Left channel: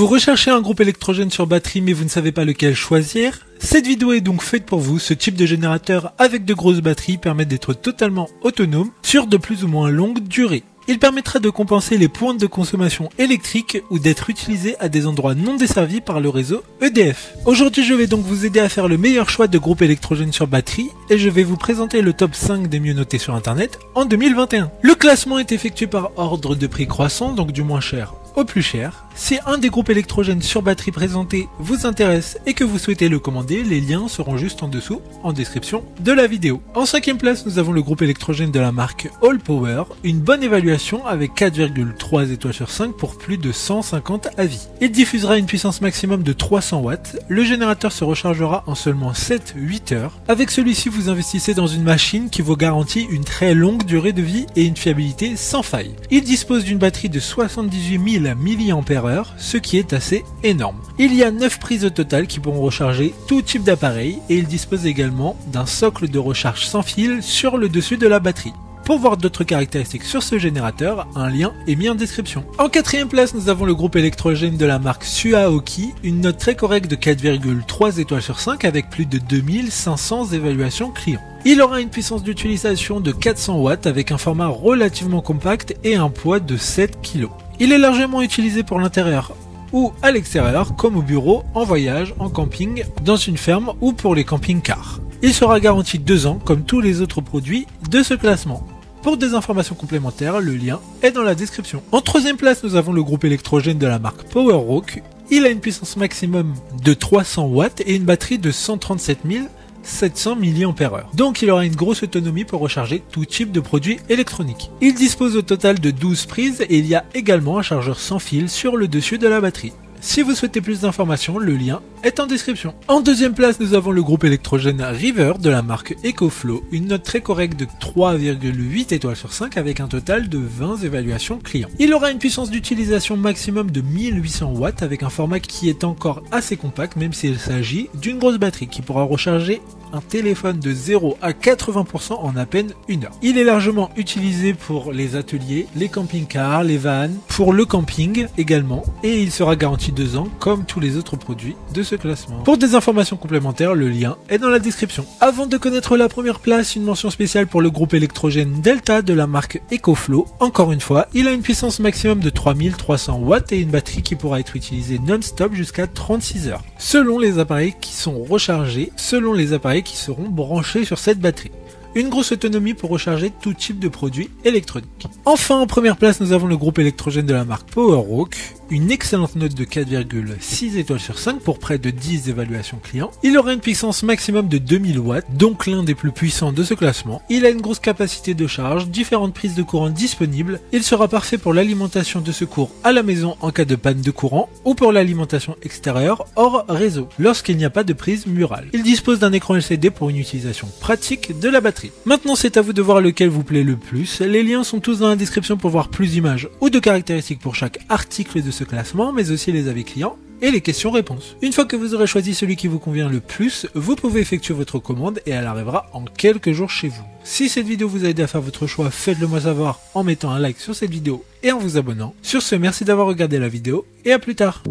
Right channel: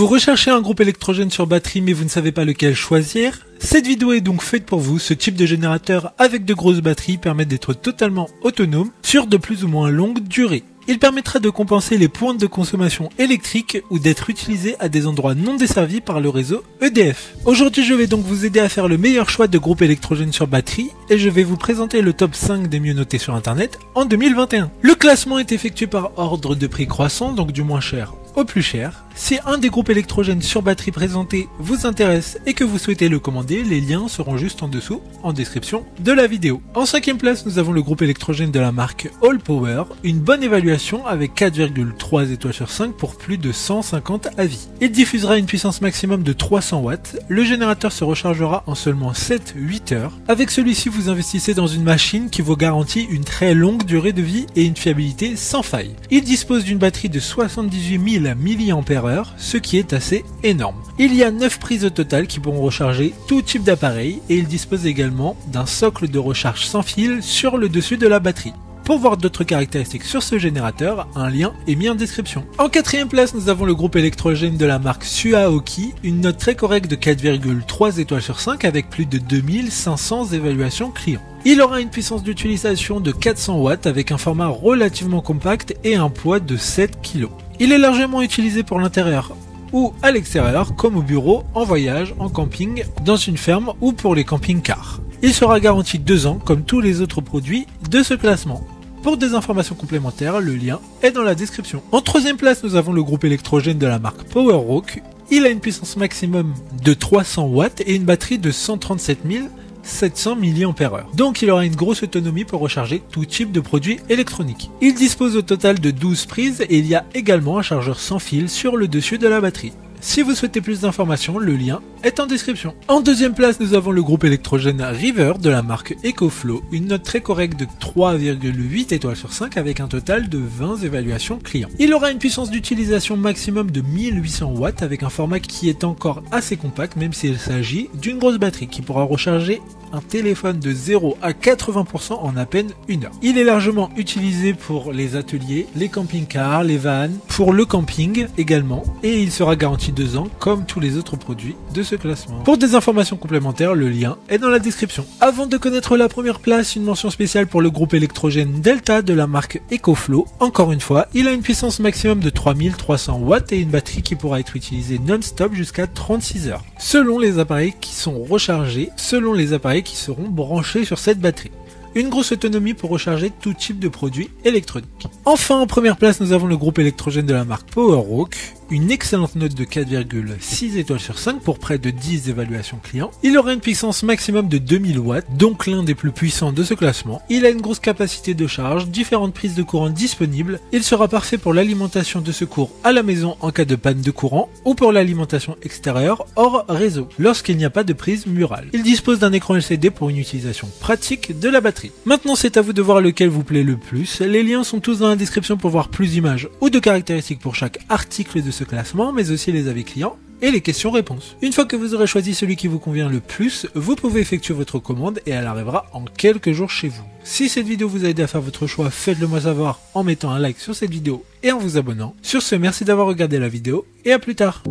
Vous recherchez un groupe électrogène sur batterie mais vous ne savez pas lequel choisir? Cette vidéo est donc faite pour vous. Ce type de générateur avec de grosses batteries permet d'être totalement autonome sur de plus ou moins longue durée. Il permettra de compenser les pointes de consommation électrique ou d'être utilisé à des endroits non desservis par le réseau EDF. Aujourd'hui, je vais donc vous aider à faire le meilleur choix de groupe électrogène sur batterie et je vais vous présenter le top 5 des mieux notés sur internet en 2021. Le classement est effectué par ordre de prix croissant, donc du moins cher au plus cher. Si un des groupes électrogènes sur batterie présentés vous intéresse et que vous souhaitez le commander, les liens seront juste en dessous, en description de la vidéo. En 5e place, nous avons le groupe électrogène de la marque Allpower, une bonne évaluation avec 4,3 étoiles sur 5 pour plus de 150 avis. Il diffusera une puissance maximum de 300 watts. Le générateur se rechargera en seulement 7-8 heures. Avec celui-ci, vous investissez dans une machine qui vous garantit une très longue durée de vie et une fiabilité sans faille. Il dispose d'une batterie de 78 000 mAh, ce qui est assez énorme. Il y a 9 prises au total qui pourront recharger tout type d'appareil et il dispose également d'un socle de recharge sans fil sur le dessus de la batterie. Pour voir d'autres caractéristiques sur ce générateur, un lien est mis en description. En 4e place, nous avons le groupe électrogène de la marque Suaoki, une note très correcte de 4,3 étoiles sur 5 avec plus de 2500 évaluations clients. Il aura une puissance d'utilisation de 400 watts avec un format relativement compact et un poids de 7 kg. Il est largement utilisé pour l'intérieur ou à l'extérieur comme au bureau, en voyage, en camping, dans une ferme ou pour les camping-cars. Il sera garanti 2 ans comme tous les autres produits de ce classement. Pour des informations complémentaires, le lien est dans la description. En 3e place, nous avons le groupe électrogène de la marque PowerRock. Il a une puissance maximum de 300 watts et une batterie de 137 700 mAh. Donc il aura une grosse autonomie pour recharger tout type de produits électroniques. Il dispose au total de 12 prises et il y a également un chargeur sans fil sur le dessus de la batterie. Si vous souhaitez plus d'informations, le lien est en description. En 2e place, nous avons le groupe électrogène River de la marque EcoFlow, une note très correcte de 3,8 étoiles sur 5 avec un total de 20 évaluations clients. Il aura une puissance d'utilisation maximum de 1800 watts avec un format qui est encore assez compact même s'il s'agit d'une grosse batterie qui pourra recharger un téléphone de 0 à 80% en à peine 1 heure. Il est largement utilisé pour les ateliers, les camping-cars, les vannes, pour le camping également, et il sera garanti 2 ans comme tous les autres produits de ce classement. Pour des informations complémentaires, le lien est dans la description. Avant de connaître la première place, une mention spéciale pour le groupe électrogène Delta de la marque EcoFlow. Encore une fois, il a une puissance maximum de 3300 watts et une batterie qui pourra être utilisée non-stop jusqu'à 36 heures. Selon les appareils qui sont rechargés, selon les appareils qui seront branchés sur cette batterie. Une grosse autonomie pour recharger tout type de produits électroniques. Enfin, en première place, nous avons le groupe électrogène de la marque PowerRock. Une excellente note de 4,6 étoiles sur 5 pour près de 10 évaluations clients. Il aura une puissance maximum de 2000 watts, donc l'un des plus puissants de ce classement. Il a une grosse capacité de charge, différentes prises de courant disponibles. Il sera parfait pour l'alimentation de secours à la maison en cas de panne de courant ou pour l'alimentation extérieure hors réseau, lorsqu'il n'y a pas de prise murale. Il dispose d'un écran LCD pour une utilisation pratique de la batterie. Maintenant, c'est à vous de voir lequel vous plaît le plus. Les liens sont tous dans la description pour voir plus d'images ou de caractéristiques pour chaque article de ce classement, mais aussi les avis clients et les questions-réponses. Une fois que vous aurez choisi celui qui vous convient le plus, vous pouvez effectuer votre commande et elle arrivera en quelques jours chez vous. Si cette vidéo vous a aidé à faire votre choix, faites-le moi savoir en mettant un like sur cette vidéo et en vous abonnant. Sur ce, merci d'avoir regardé la vidéo et à plus tard.